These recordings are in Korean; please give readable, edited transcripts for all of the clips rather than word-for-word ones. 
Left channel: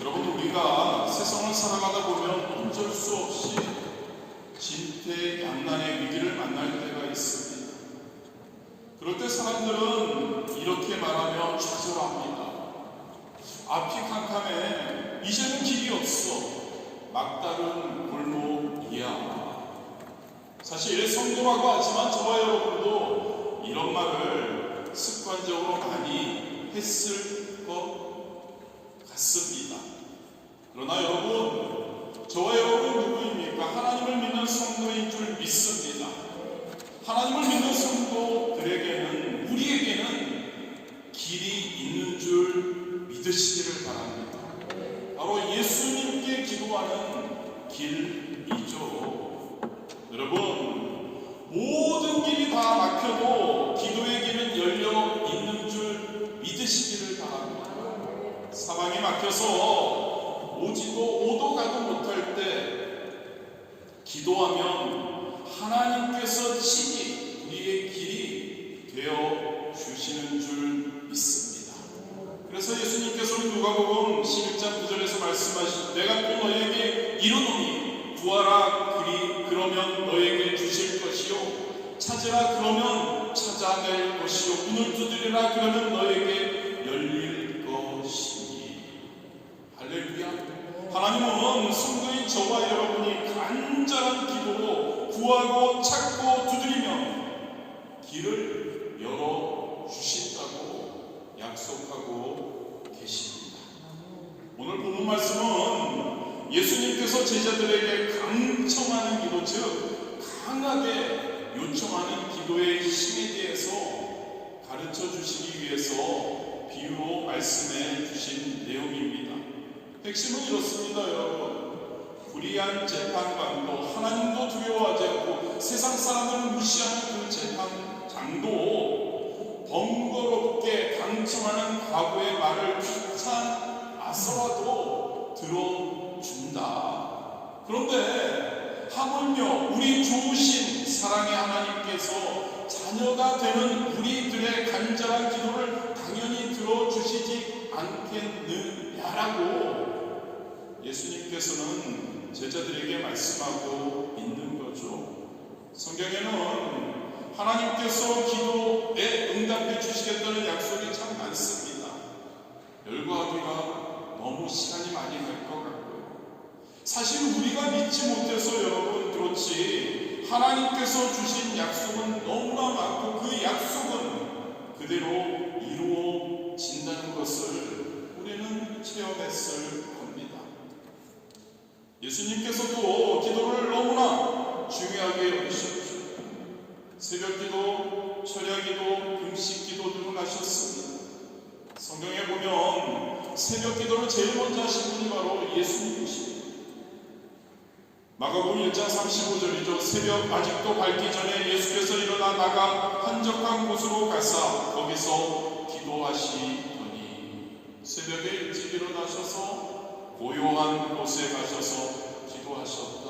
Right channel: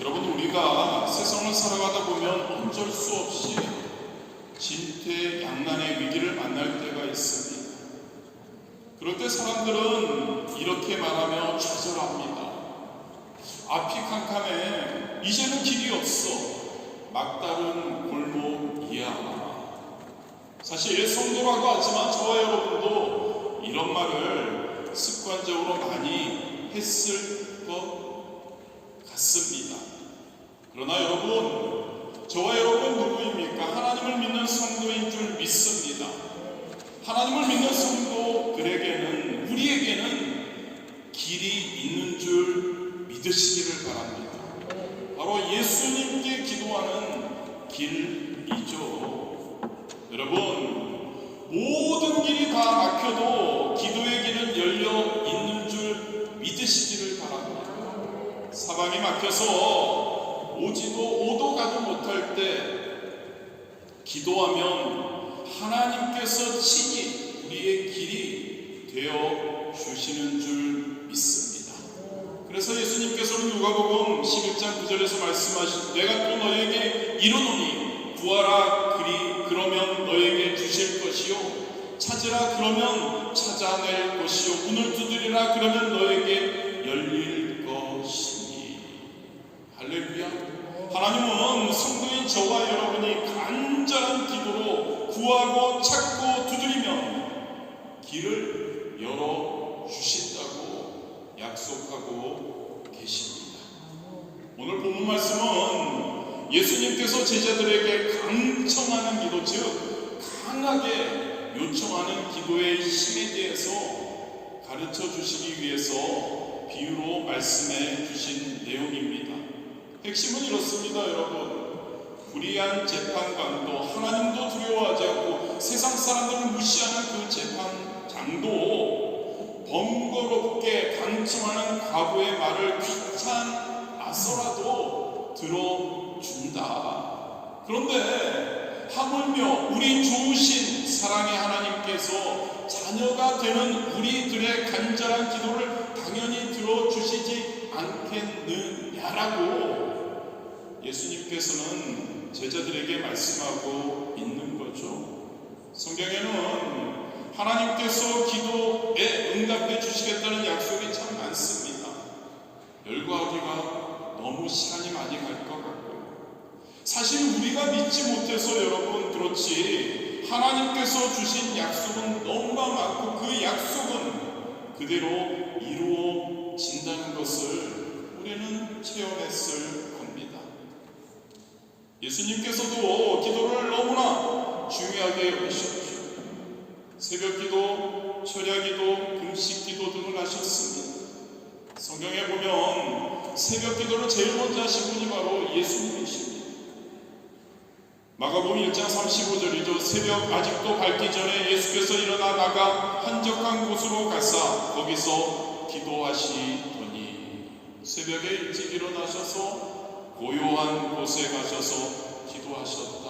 여러분, 우리가 세상을 살아가다 보면 어쩔 수 없이 진퇴양난의 위기를 만날 때가 있습니다. 그럴 때 사람들은 이렇게 말하며 좌절합니다. 앞이 캄캄해. 이제는 길이 없어. 막다른 골목이야. 사실 성도라고 하지만 저와 여러분도 이런 말을 습관적으로 많이 했을 것 같습니다. 그러나 여러분, 저와 여러분 누구입니까? 하나님을 믿는 성도인 줄 믿습니다. 하나님을 믿는 성도들에게는, 우리에게는 길이 있는 줄 믿으시기를 바랍니다. 바로 예수님께 기도하는 길이죠. 여러분, 모든 길이 다 막혀도 기도의 길은 열려 있는 줄 믿으시기를 바랍니다. 사방이 막혀서 오도 가도 못할 때 기도하면 하나님께서 친히 우리의 길이 되어 주시는 줄 믿습니다. 그래서 예수님께서는 누가복음 11장 9절에서 말씀하신, 내가 또 너에게 이르노니 구하라 그러면 너에게 주실 것이요, 찾으라 그러면 찾아낼 것이요, 문을 두드리라 그러면 너에게 열릴 것이니. 할렐루야. 하나님은 성도인 저와 여러분이 간절한 기도로 구하고 찾고 두드리면 길을 열어주신다고 약속하고 계십니다. 오늘 본문 말씀은 예수님께서 제자들에게 강청하는 기도, 즉 강하게 요청하는 기도의 힘에 대해서 가르쳐 주시기 위해서 비유로 말씀해 주신 내용입니다. 핵심은 이렇습니다. 여러분, 불의한 재판관도 하나님도 두려워하지 않고 세상 사람들을 무시하는 그 재판장도 번거롭게 강청하는 과부의 말을 귀찮아서라도 들어준다. 그런데 하물며 우리 좋으신 사랑의 하나님께서 자녀가 되는 우리들의 간절한 기도를 당연히 들어주시지 않겠느냐라고 예수님께서는 제자들에게 말씀하고 있는 거죠. 성경에는 하나님께서 기도에 응답해 주시겠다는 약속이 참 많습니다. 열거하기가 너무 시간이 많이 갈 것 같고요. 사실 우리가 믿지 못해서 여러분 그렇지, 하나님께서 주신 약속은 너무나 많고 그 약속은 그대로 이루어진다는 것을 우리는 체험했을 겁니다. 예수님께서도 기도를 너무나 중요하게 보셨죠. 새벽기도, 철야기도, 금식기도 등을 하셨습니다. 성경에 보면 새벽기도를 제일 먼저 하신 분이 바로 예수님이십니다. 마가복음 1장 35절이죠. 새벽 아직도 밝기 전에 예수께서 일어나 나가 한적한 곳으로 가사 거기서 기도하시더니, 새벽에 일찍 일어나셔서 고요한 곳에 가셔서 기도하셨다.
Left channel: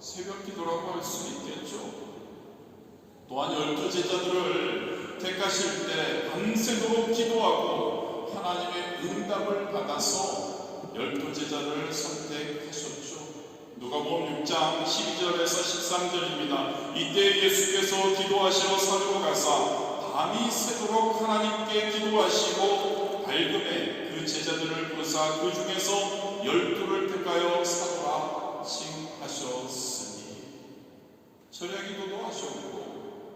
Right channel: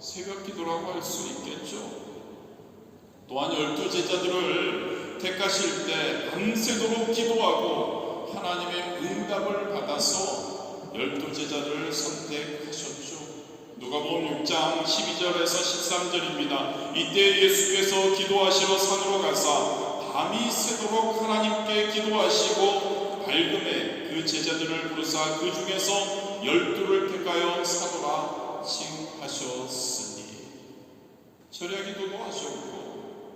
새벽 기도라고 할 수 있겠죠. 또한 12 제자들을 택하실 때 밤새도록 기도하고 하나님의 응답을 받아서 12 제자를 선택하셨죠. 누가복음 6장 12절에서 13절입니다. 이때 예수께서 기도하시러 산으로 가사 밤이 새도록 하나님께 기도하시고 밝음에 그 제자들을 부르사 그 중에서 12를 택하여 사도라 칭하셨으니. 철야기도도 하셨고,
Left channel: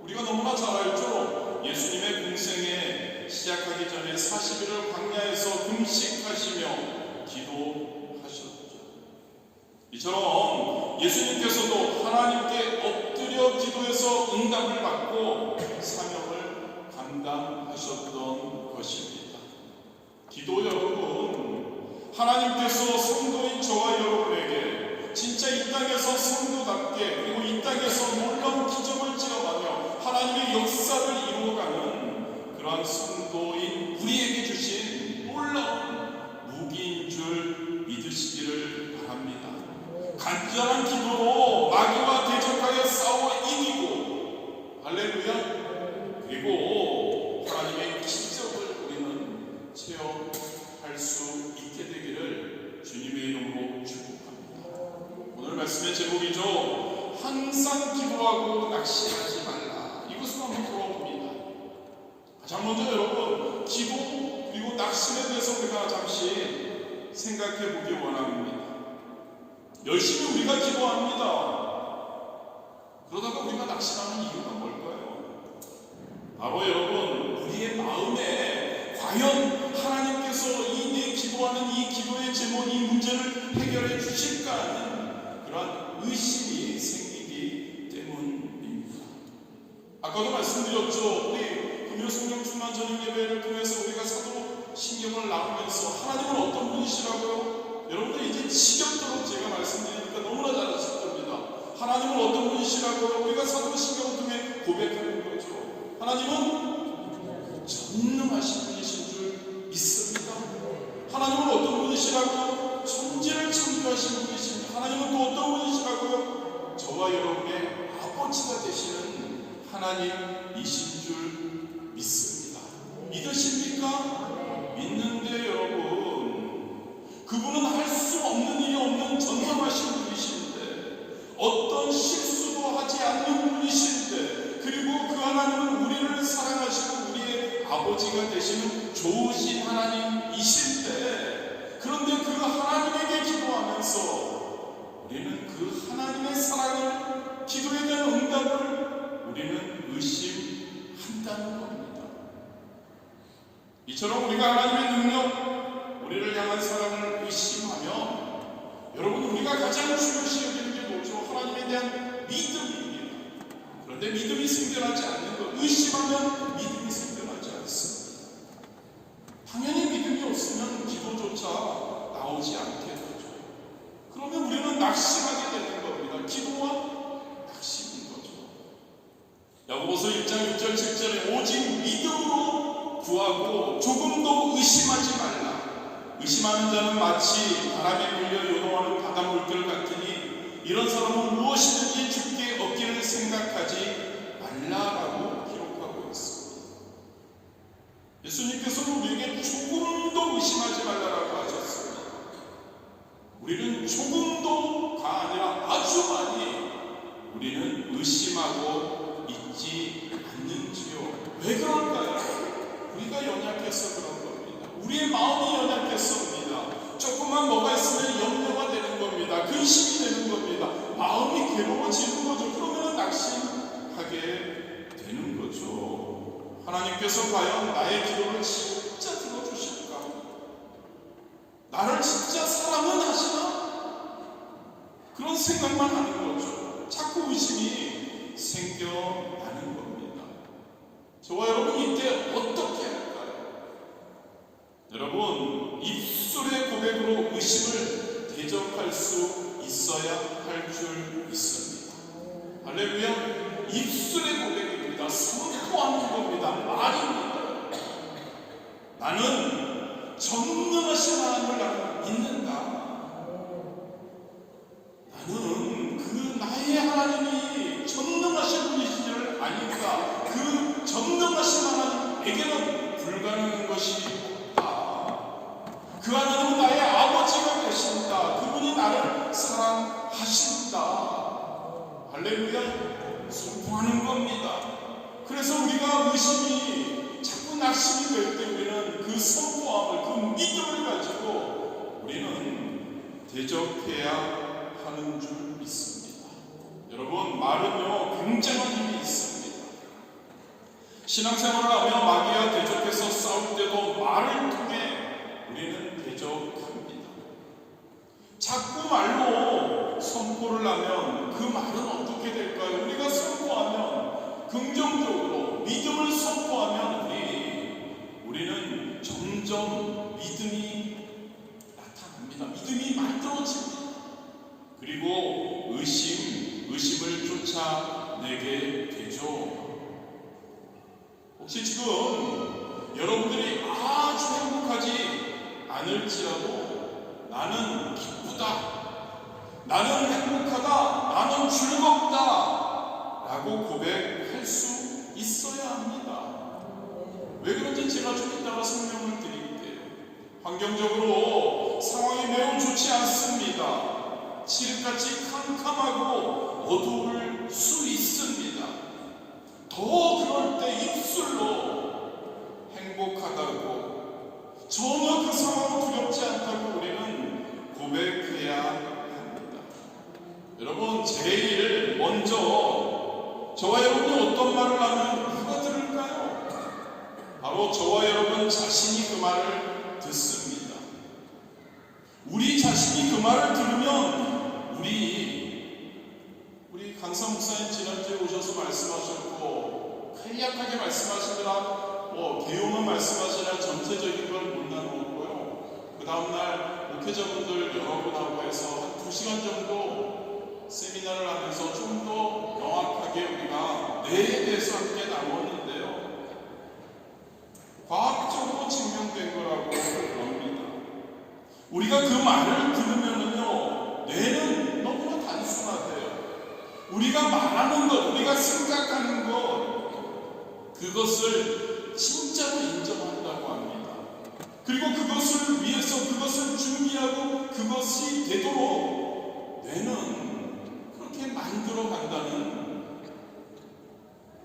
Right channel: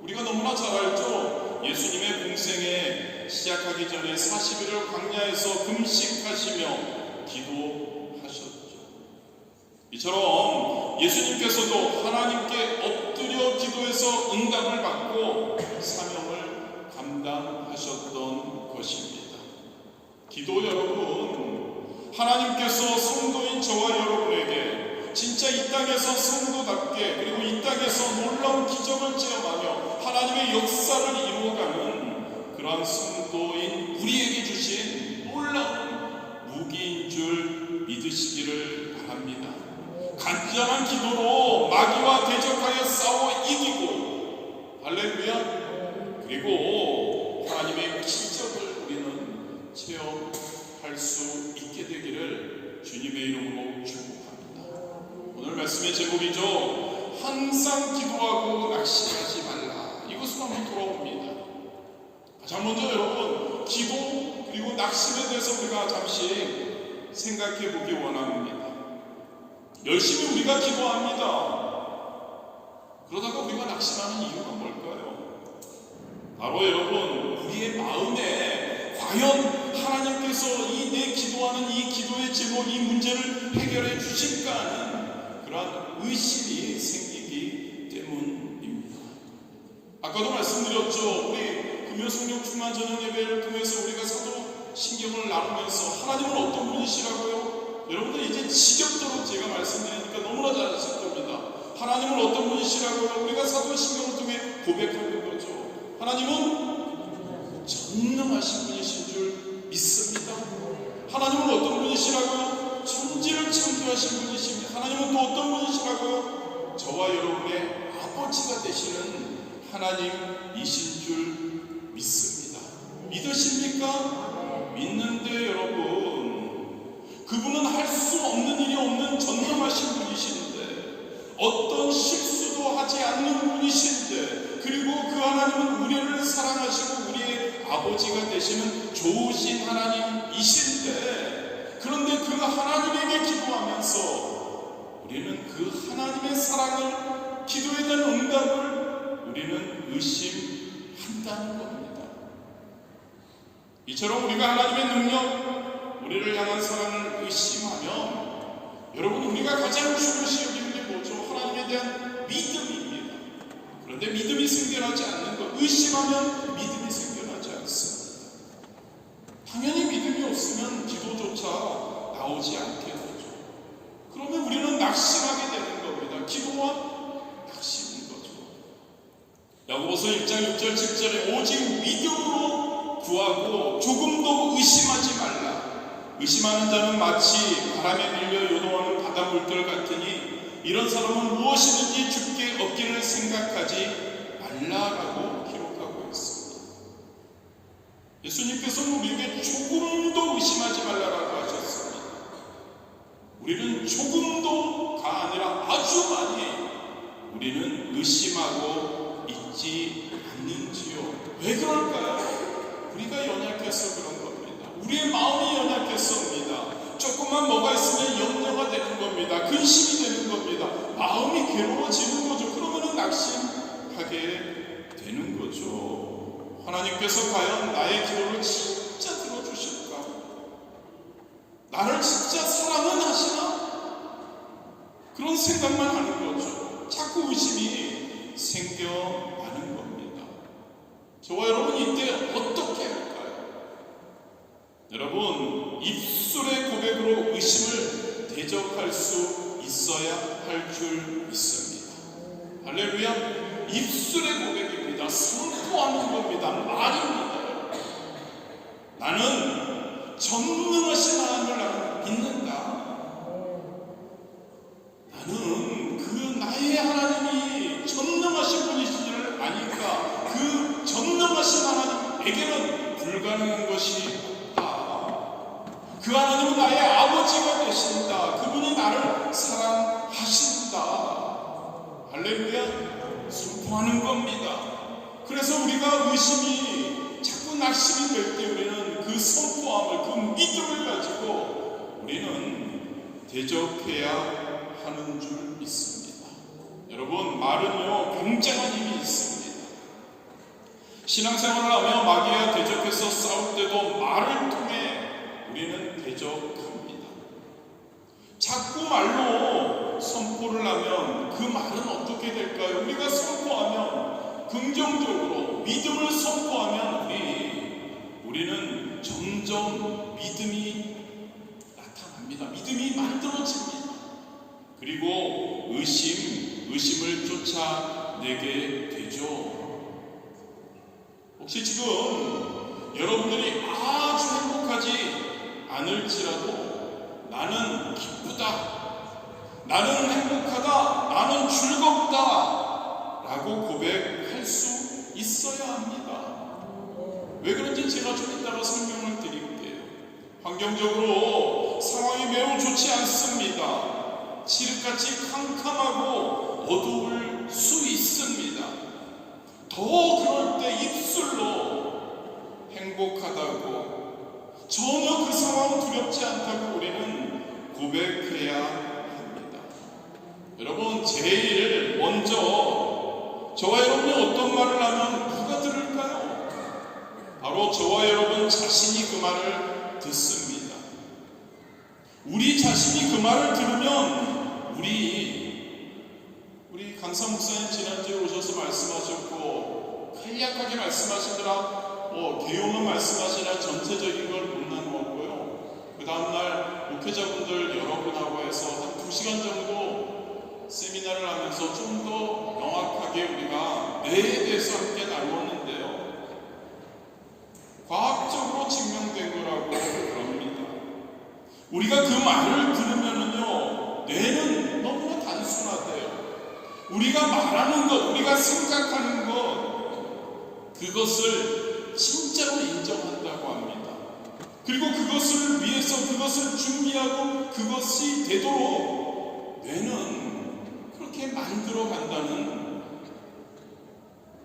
우리가 너무나 잘 알죠. 예수님의 공생에 시작하기 전에 40일을 광야에서 금식하시며 기도하셨죠. 이처럼 예수님께서도 하나님께 엎드려 기도해서 응답을 받고 사명을 감당하셨던 것입니다. 기도 여러분, 하나님께서 성도인 저와 여러분에게 진짜 이 땅에서 성도답게, 그리고 이 땅에서 놀라운 기적을 체험하며 하나님의 역사를 이루어가는 그러한 성도인 우리에게 주신 놀라운 무기인 줄 믿으시기를 바랍니다. 간절한 기도로 마귀와 대적하여 싸워 이기고, 할렐루야, 그리고 하나님의 기적을 우리는 체험할 수 있게 되기를 제목이죠. 항상 기도하고 낙심하지 말라. 이것으로 한번 돌아옵니다. 가장 먼저 여러분, 기도 그리고 낙심에 대해서 우리가 잠시 생각해 보기 원합니다. 열심히 우리가 기도합니다. 그러다가 우리가 낙심하는 이유가 뭘까요? 바로 여러분, 우리의 마음에 과연 하나님께서 이 내 기도하는 이 기도의 제목, 이 문제를 해결해 주실까 하는 그러한 의심이 생기기 때문입니다. 아까도 말씀드렸죠. 우리 금요성령 충만 저녁 예배를 통해서 우리가 사도 신경을 나누면서 하나님은 어떤 분이시라고요? 여러분들 이제 지겹도록 제가 말씀드리니까 너무나 잘 아실 겁니다. 하나님은 어떤 분이시라고요? 우리가 사도 신경을 통해 고백하는 거죠. 하나님은 전능하신 분이신 줄 믿습니다. 하나님은 어떤 분이시라고요? 천지를 창조하신 분이십니다. 하나님은 또 어떤 분이시라고요? 저와 여러분의 아버지가 되시는 하나님이신 줄 믿습니다. 믿으십니까? 믿는데 여러분, 그분은 할 수 없는 일이 없는 전능하신 분이신데, 어떤 실수도 하지 않는 분이신데, 그리고 그 하나님은 우리를 사랑하시고 우리의 아버지가 되시는 좋으신 하나님이신데, 그런데 그 하나님에게 기도하면서 우리는 그 하나님의 사랑을, 기도에 대한 응답을 우리는 의심한다는 겁니다. 이처럼 우리가 하나님의 능력, 우리를 향한 사랑을 의심하면 여러분, 우리가 가장 중요시 여기는 게 뭐죠? 하나님에 대한 믿음입니다. 그런데 믿음이 생겨나지 않는 것, 의심하면 믿음이 생겨나지 않습니다. 당연히 믿음이 없으면 기도조차 나오지 않게 되죠. 그러면 우리는 낙심하게 되는 겁니다. 기도와 낙심인 거죠. 야고보서 1장 6절 7절에 오직 믿음으로 구하고 조금도 의심하지 말라. 의심하는 자는 마치 바람에 밀려 요동하는 바다 물들 같으니 이런 사람은 무엇이든지 죽게 얻기를 생각하지 말라라고 기록하고 있습니다. 예수님께서는 우리에게 조금도 의심하지 말라라고 하셨습니다. 우리는 조금도가 아니라 아주 많이 우리는 의심하고 있지 않는지요. 왜 그럴까요? 우리가 연약해서 그런 겁니다. 우리의 마음이 연약했습니다. 조금만 뭐가 있으면 염려가 되는 겁니다. 근심이 되는 겁니다. 마음이 괴로워지는 거죠. 그러면은 낙심하게 되는 거죠. 하나님께서 과연 나의 기도를 진짜 들어주실까? 나를 진짜 사랑은 하시나? 그런 생각만 하는 거죠. 자꾸 의심이 생겨나는 겁니다. 저와 여러분, 이때 어떻게 할까요? 여러분, 입술의 고백으로 의심을 대적할 수 있어야 할 줄 믿습니다. 할렐루야. 입술의 고백입니다. 선포하는 겁니다. 말입니다. 나는 전능하신 하나님을 나는 믿는다. 나는 그 나의 하나님이 전능하신 분이시지를 아니까 그 전능하신 하나님에게는 불가능한 것이 그 하나님은 나의 아버지가 되신다. 그분이 나를 사랑하신다. 할렐루야. 선포하는 겁니다. 그래서 우리가 의심이 자꾸 낙심이 될 때 우리는 그 선포함을, 그 믿음을 가지고 우리는 대적해야 하는 줄 믿습니다. 여러분, 말은요 굉장한 힘이 있습니다. 신앙생활을 하며 마귀와 대적해서 싸울 때도 말을 통해 우리는 대적합니다. 자꾸 말로 선포를 하면 그 말은 어떻게 될까요? 우리가 선포하면, 긍정적으로 믿음을 선포하면 우리는 점점 믿음이 나타납니다. 믿음이 만들어집니다. 그리고 의심을 쫓아내게 되죠. 혹시 지금 여러분들이 아주 행복하지 않을지라도 나는 기쁘다, 나는 행복하다, 나는 즐겁다 라고 고백할 수 있어야 합니다. 왜 그런지 제가 좀 이따가 설명을 드릴게요. 환경적으로 상황이 매우 좋지 않습니다. 칠흑같이 캄캄하고 어두울 수 있습니다. 더 그럴 때 입술로 행복하다고, 전혀 그 상황 두렵지 않다고 우리는 고백해야 합니다. 여러분, 제일 먼저 저와 여러분이 어떤 말을 하면 누가 들을까요? 바로 저와 여러분 자신이 그 말을 듣습니다. 우리 자신이 그 말을 들으면 우리 강사 목사님 지난주에 오셔서 말씀하셨고 간략하게 말씀하시더라, 개요만 말씀하시라 전체적인 걸 못 나누었고요. 그 다음날 목회자분들 여러분하고 해서 한 2시간 정도 세미나를 하면서 좀 더 명확하게 우리가 뇌에 대해서 함께 나누었는데요. 과학적으로 증명된 거라고 그럽니다. 우리가 그 말을 들으면은요, 뇌는 너무나 단순하대요. 우리가 말하는 것, 우리가 생각하는 것, 그것을 진짜로 인정한다고 합니다. 그리고 그것을 위해서 그것을 준비하고 그것이 되도록 뇌는 그렇게 만들어 간다는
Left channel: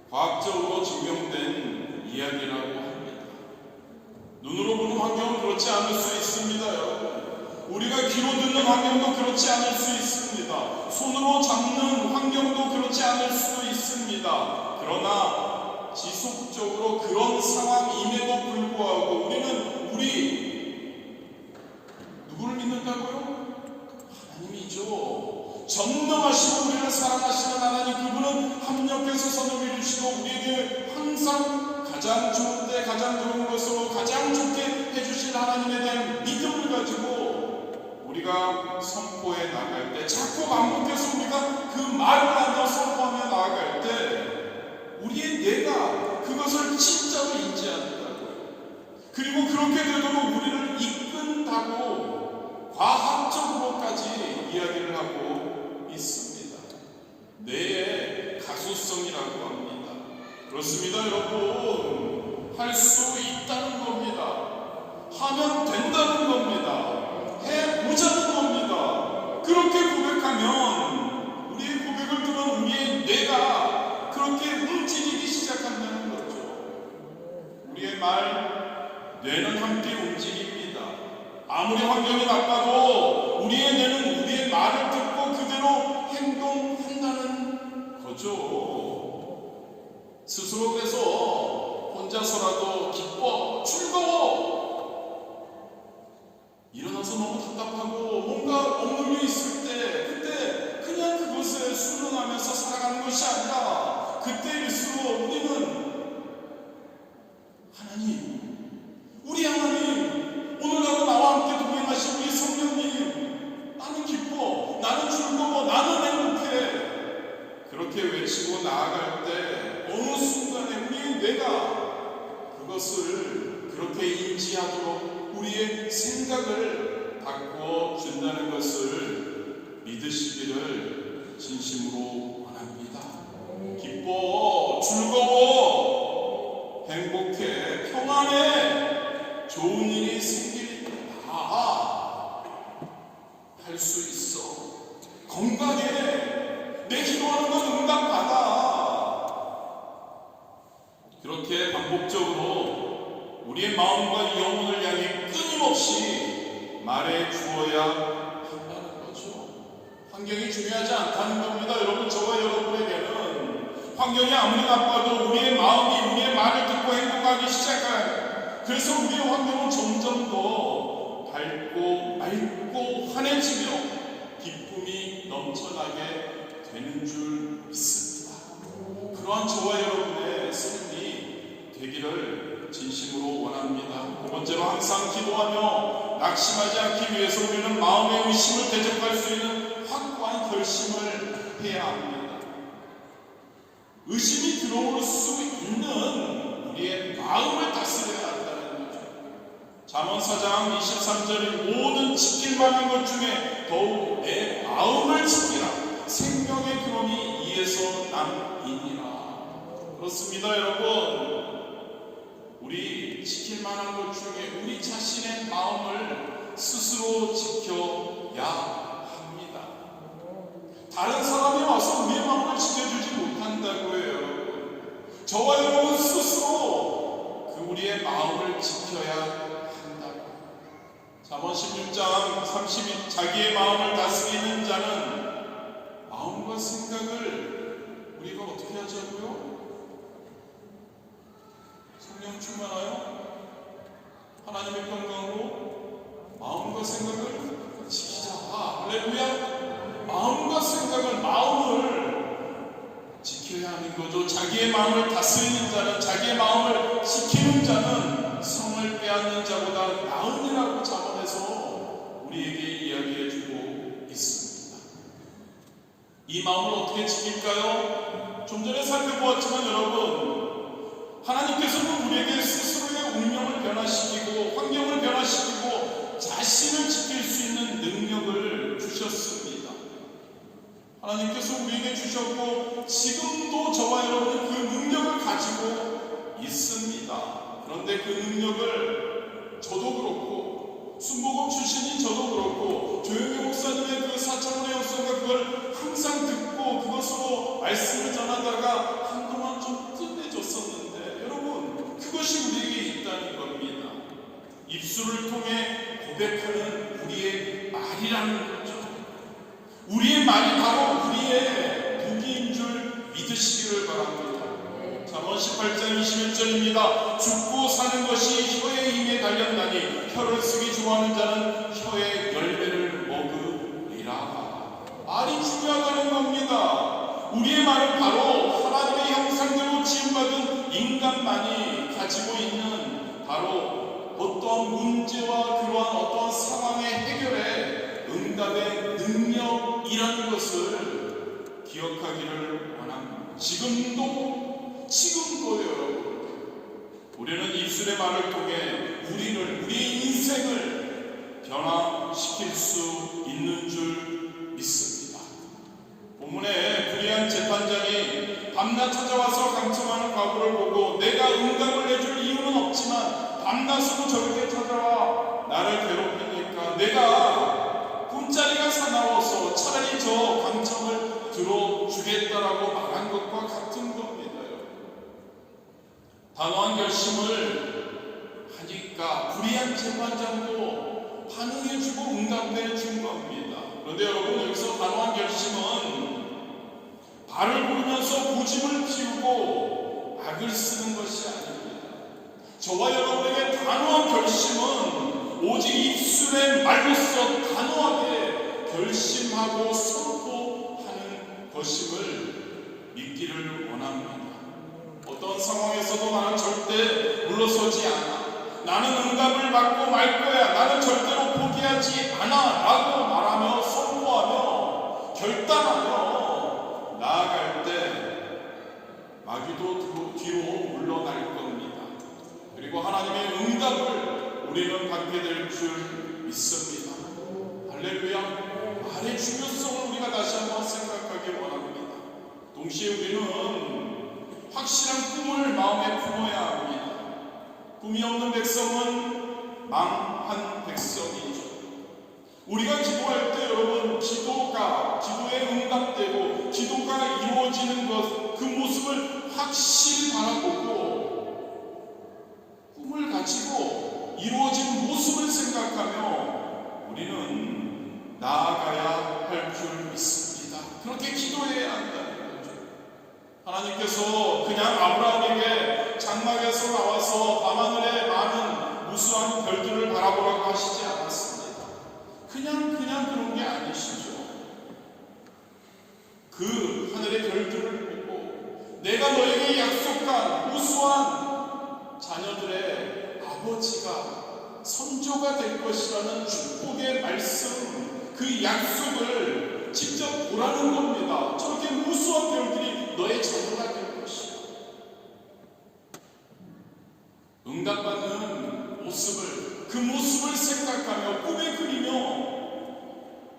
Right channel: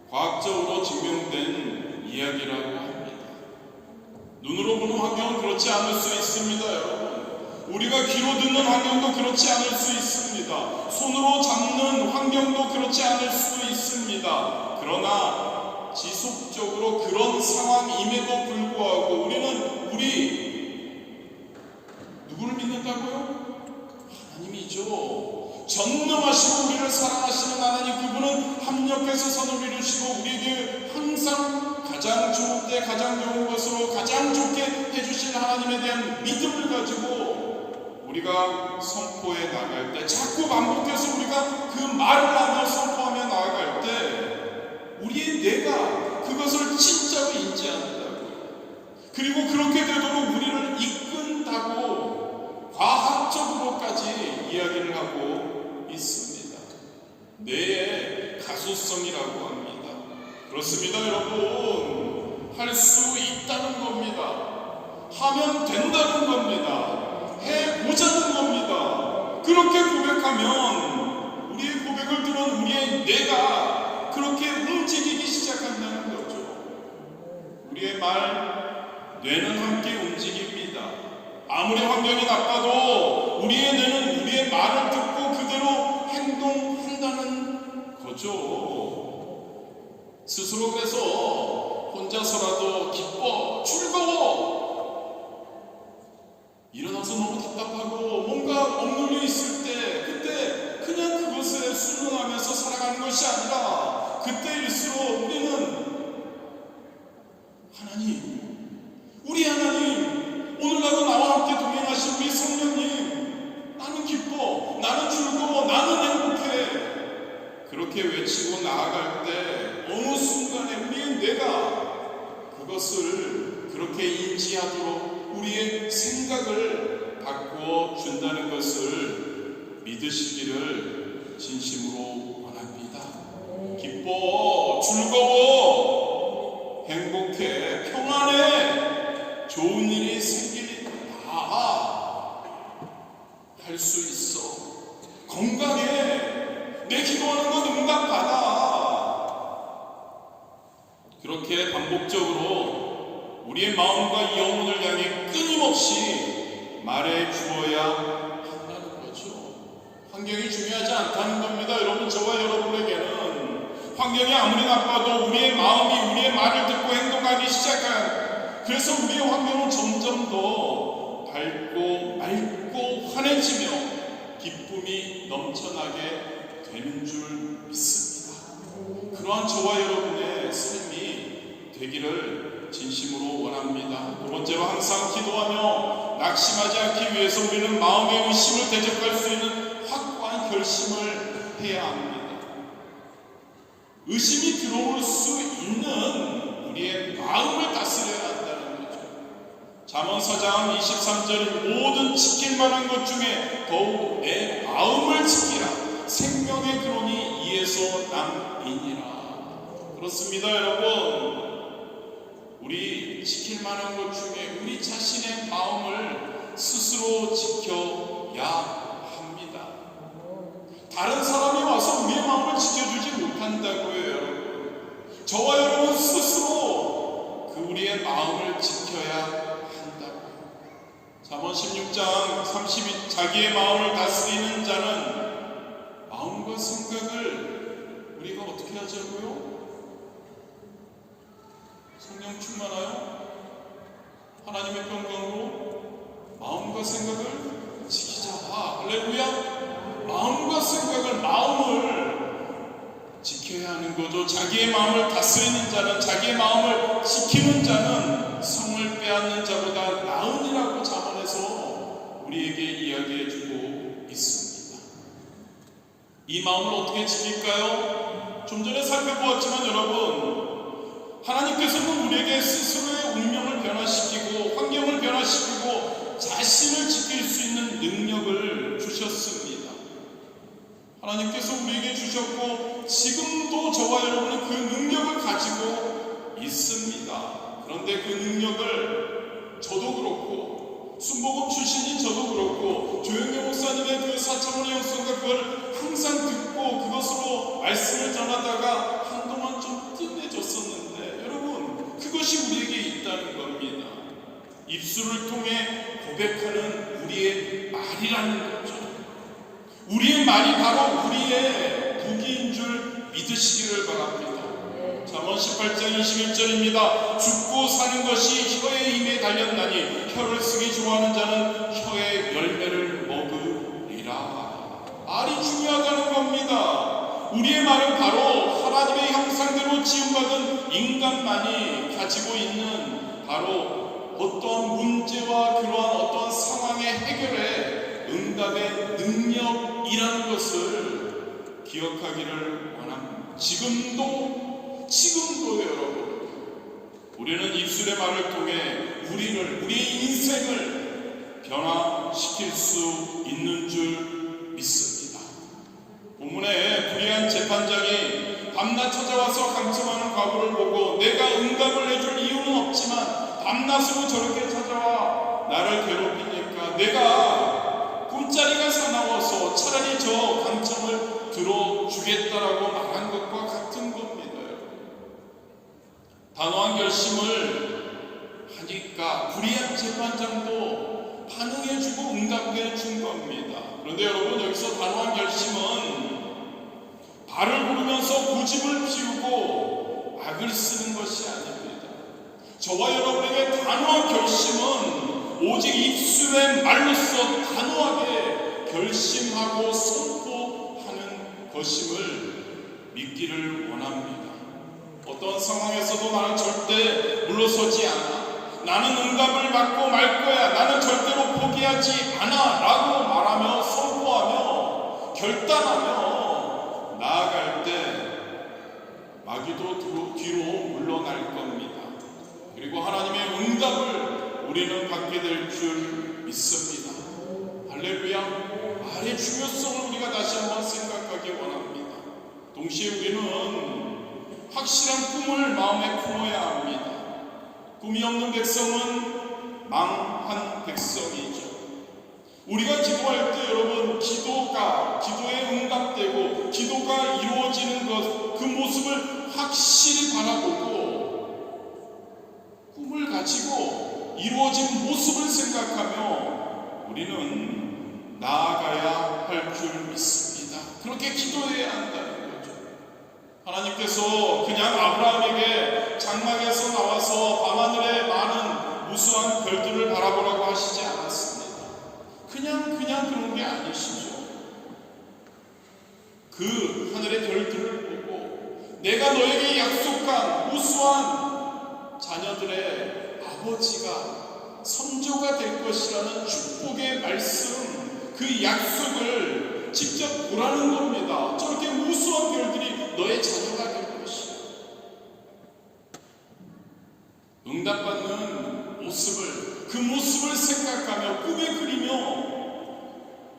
과학적으로 증명된 이야기라고 합니다. 눈으로 보는 환경은 그렇지 않을 수 있습니다, 여러분. 우리가 귀로 듣는 환경도 그렇지 않을 수 있습니다. 손으로 잡는 환경도 그렇지 않을 수도 있습니다. 그러나 지속적으로 그런 상황임에도 불구하고 우리는 누구를 믿는다고요? 하나님이죠. 전능하시고 우리를 사랑하시는 하나님, 그분은 합력해서 선을 이루시고 우리에게 항상 가장 좋은 때 가장 좋은 것으로 가장 좋게 해주신 하나님에 대한 믿음을 가지고 우리가 선포해 나갈 때, 자꾸 반복해서 우리가 그 말을 하며 선포하며 나아갈 때 우리의 뇌가 그것을 진짜로 인지한다고요. 그리고 그렇게 되도록 우리를 이끈다고 과학적으로까지 이야기를 하고 있습니다. 뇌의 가소성이라고 합니다. 그렇습니다, 여러분. 할 수 있다는 겁니다. 하면 된다는 겁니다. 해보자는 겁니다. 그렇게 고백하면 우리의 고백을 들은 우리의 뇌가 그렇게 움직이기 시작한다는 거죠. 우리의 말, 뇌는 함께 움직입니다. 아무리 환경이 나빠도 우리의 뇌는 우리의 말을 듣고 그대로 행동한다는 거죠. 스스로 그래서 혼자서라도 기뻐, 즐거워, 일어나서 너무 답답하고 뭔가 억눌려 있을 때 그때 그냥 그것에 순응하면서 살아가는 것이 아니라 그때일수록 우리는 하나님, 우리 하나님, 오늘날도 나와 함께 동행하신 우리 성령님, 나는 기뻐, 나는 즐거워, 나는 행복해, 그렇게 외치고 나아갈 때 어느 순간에 우리의 뇌가 그것을 그렇게 인지하도록 우리의 생각을 바꾸어 준다는 것을 믿으시기를 진심으로 원합니다. 기뻐, 즐거워, 행복해, 평안해, 좋은 일이 생길 일 다 할 수 있어. 건강해, 내 기도하는 건 응답받아. 그렇게 반복적으로 우리의 마음과 영혼을 향해 끊임없이 말해 주어야 한다는 거죠. 환경이 중요하지 않다는 겁니다. 여러분, 저와 여러분에게는 환경이 아무리 나빠도 우리의 마음이 우리의 말을 듣고 행동하기 시작한, 그래서 우리의 환경은 점점 더 밝고 맑고 환해지며 기쁨이 넘쳐나게 되는 줄 믿습니다. 그러한 저와 여러분의 삶이 되기를 진심으로 원합니다. 두 번째로, 항상 기도하며 낙심하지 않기 위해서 우리는 마음의 의심을 대적할 수 있는 확고한 결심을 해야 합니다. 의심이 들어올 수 있는 우리의 마음을 다스려야 한다는 거죠. 잠언 4장 23절인 모든 지킬 만한 것 중에 더욱 내 마음을 지키라. 생명의 근원이 이에서 남이니라. 그렇습니다, 여러분. 우리 지킬 만한 것 중에 우리 자신의 마음을 스스로 지켜야 합니다. 다른 사람이 와서 우리의 한다고요, 여러분. 저와 여러분 스스로 그 우리의 마음을 지켜야 한다고요. 잠언 16장 32 자기의 마음을 다스리는 자는 마음과 생각을 우리가 어떻게 하자고요? 성령 충만하여 하나님의 평강으로 마음과 생각을 지키자. 할렐루야. 마음과 생각을, 마음을 지켜야 하는 거죠. 자기의 마음을 다스리는 자는, 자기의 마음을 지키는 자는 성을 빼앗는 자보다 나으니라고 잠언에서 우리에게 이야기해주고 있습니다. 이 마음을 어떻게 지킬까요? 좀 전에 살펴보았지만 여러분, 하나님께서는 우리에게 스스로의 운명을 변화시키고 환경을 변화시키고 자신을 지킬 수 있는 능력을 주셨습니다. 하나님께서 우리에게 주셨고 지금도 저와 여러분은 그 능력을 가지고 있습니다. 그런데 그 능력을 저도 그렇고 순복음 출신인 저도 그렇고 조영기 목사님의 그 4차원의 역성과 그걸 항상 듣고 그것으로 말씀을 전하다가 한동안 좀 뜸해졌었는데 여러분, 그것이 우리에게 있다는 겁니다. 입술을 통해 고백하는 우리의 말이라는 거죠. 우리의 말이 바로 우리의 무기인 줄 믿으시기를 바랍니다. 잠언 18장 21절입니다. 죽고 사는 것이 혀의 힘에 달렸나니 혀를 쓰기 좋아하는 자는 혀의 열매를 먹으리라. 말이 중요하다는 겁니다. 우리의 말은 바로 하나님의 형상대로 지음받은 인간만이 가지고 있는 바로 어떤 문제와 그러한 어떤 상황의 해결에 응답의 능력이라는 것을 기억하기를 원합니다. 지금도 여러분, 우리는 입술의 말을 통해 우리의 인생을 변화시킬 수 있는 줄 믿습니다. 본문에 불의한 재판장이 밤낮 찾아와서 강청하는 과부를 보고 내가 응답을 내줄 이유는 없지만 밤낮으로 저렇게 찾아와 나를 괴롭히니까 내가 꿈자리가 사나워서 차라리 저 강청을 들어주겠다라고 말한 것과 같은 겁니다. 단호한 결심을 하니까 불의한 재판장도 반응해주고 응답해준 겁니다. 그런데 여러분, 여기서 단호한 결심은 발을 구르면서 고집을 피우고 악을 쓰는 것이 아닙니다. 저와 여러분에게 단호한 결심은 오직 입술의 말로써 단호하게 결심하고 선포하는 것임을 믿기를 원합니다. 어떤 상황에서도 나는 절대 물러서지 않아. 나는 응답을 받고 말 거야. 나는 절대로 포기하지 않아. 라고 말하며 선포하며 결단하며 나아갈 때 마귀도 뒤로 물러날 겁니다. 그리고 하나님의 응답을 우리는 받게 될 줄 믿습니다. 할렐루야. 말의 중요성을 우리가 다시 한번 생각하기 원합니다. 동시에 우리는 확실한 꿈을 마음에 품어야 합니다. 꿈이 없는 백성은 망한 백성이죠. 우리가 기도할 때 여러분, 기도에 응답되고 기도가 이루어지는 것, 그 모습을 확실히 바라보고 꿈을 가지고 이루어진 모습을 생각하며 우리는 나아가야 할 줄 믿습니다. 그렇게 기도해야 한다는 거죠. 하나님께서 그냥 아브라함에게 장막에서 나와서 밤하늘에 많은 무수한 별들을 바라보라고 하시지 않았습니다. 그냥 그런 게 아니시죠. 그 하늘의 별들을 보고 내가 너에게 약속한 우수한 자녀들의 아버지가 선조가 될 것이라는 축복의 말씀, 그 약속을 직접 보라는 겁니다. 저렇게 무수한 별들이 너의 자녀가 될 것이야. 응답받는 모습을, 그 모습을 생각하며 꿈에 그리며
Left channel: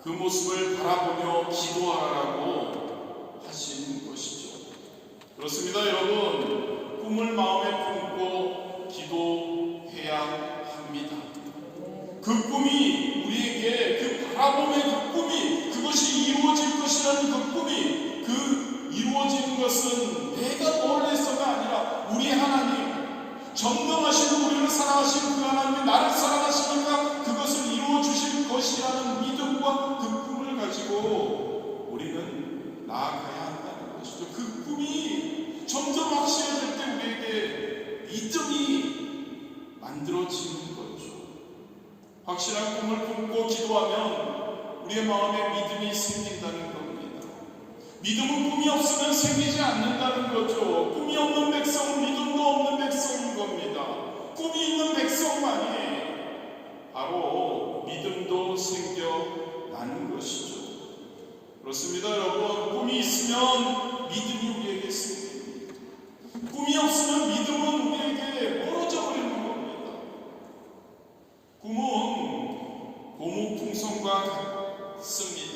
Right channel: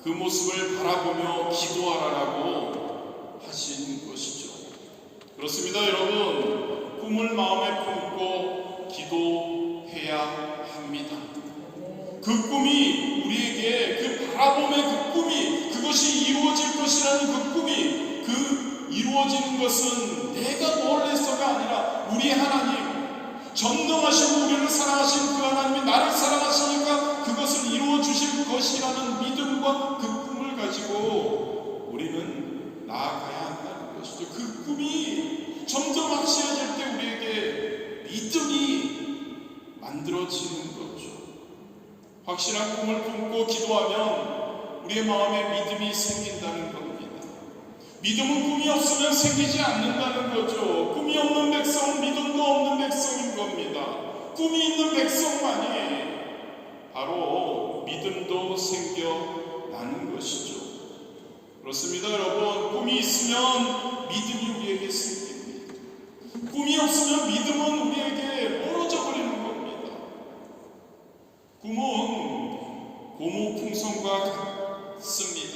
그 모습을 바라보며 기도하라고 하신 것이죠. 그렇습니다, 여러분. 꿈을 마음에 품고 기도해야 합니다. 그 꿈이 우리에게, 그 바라봄의 그 꿈이, 그것이 이루어질 것이라는 그 꿈이, 그 이루어지는 것은 내가 뭘 해서가 아니라 우리 하나님, 전능하시고 우리를 사랑하신 그 하나님이 나를 사랑하시니까 그것을 이루어 주실 것이라는 믿음과 그 꿈을 가지고 우리는 나아가야 한다는 것이죠. 그 꿈이 점점 확실해질 때 우리에게 믿음이 만들어지는 거죠. 확실한 꿈을 품고 기도하면 우리의 마음에 믿음이 생긴다는 겁니다. 믿음은 꿈이 없으면 생기지 않는다는 거죠. 꿈이 없는 백성은 믿음도 없는 백성인 겁니다. 꿈이 있는 백성만이 바로 믿음도 생겨나는 것이죠. 그렇습니다, 여러분. 꿈이 있으면 믿음이 우리에게 생깁니다. 꿈이 없으면 믿음은 우리에게 멀어져 버리는 겁니다. 꿈은 고무풍선과 같습니다.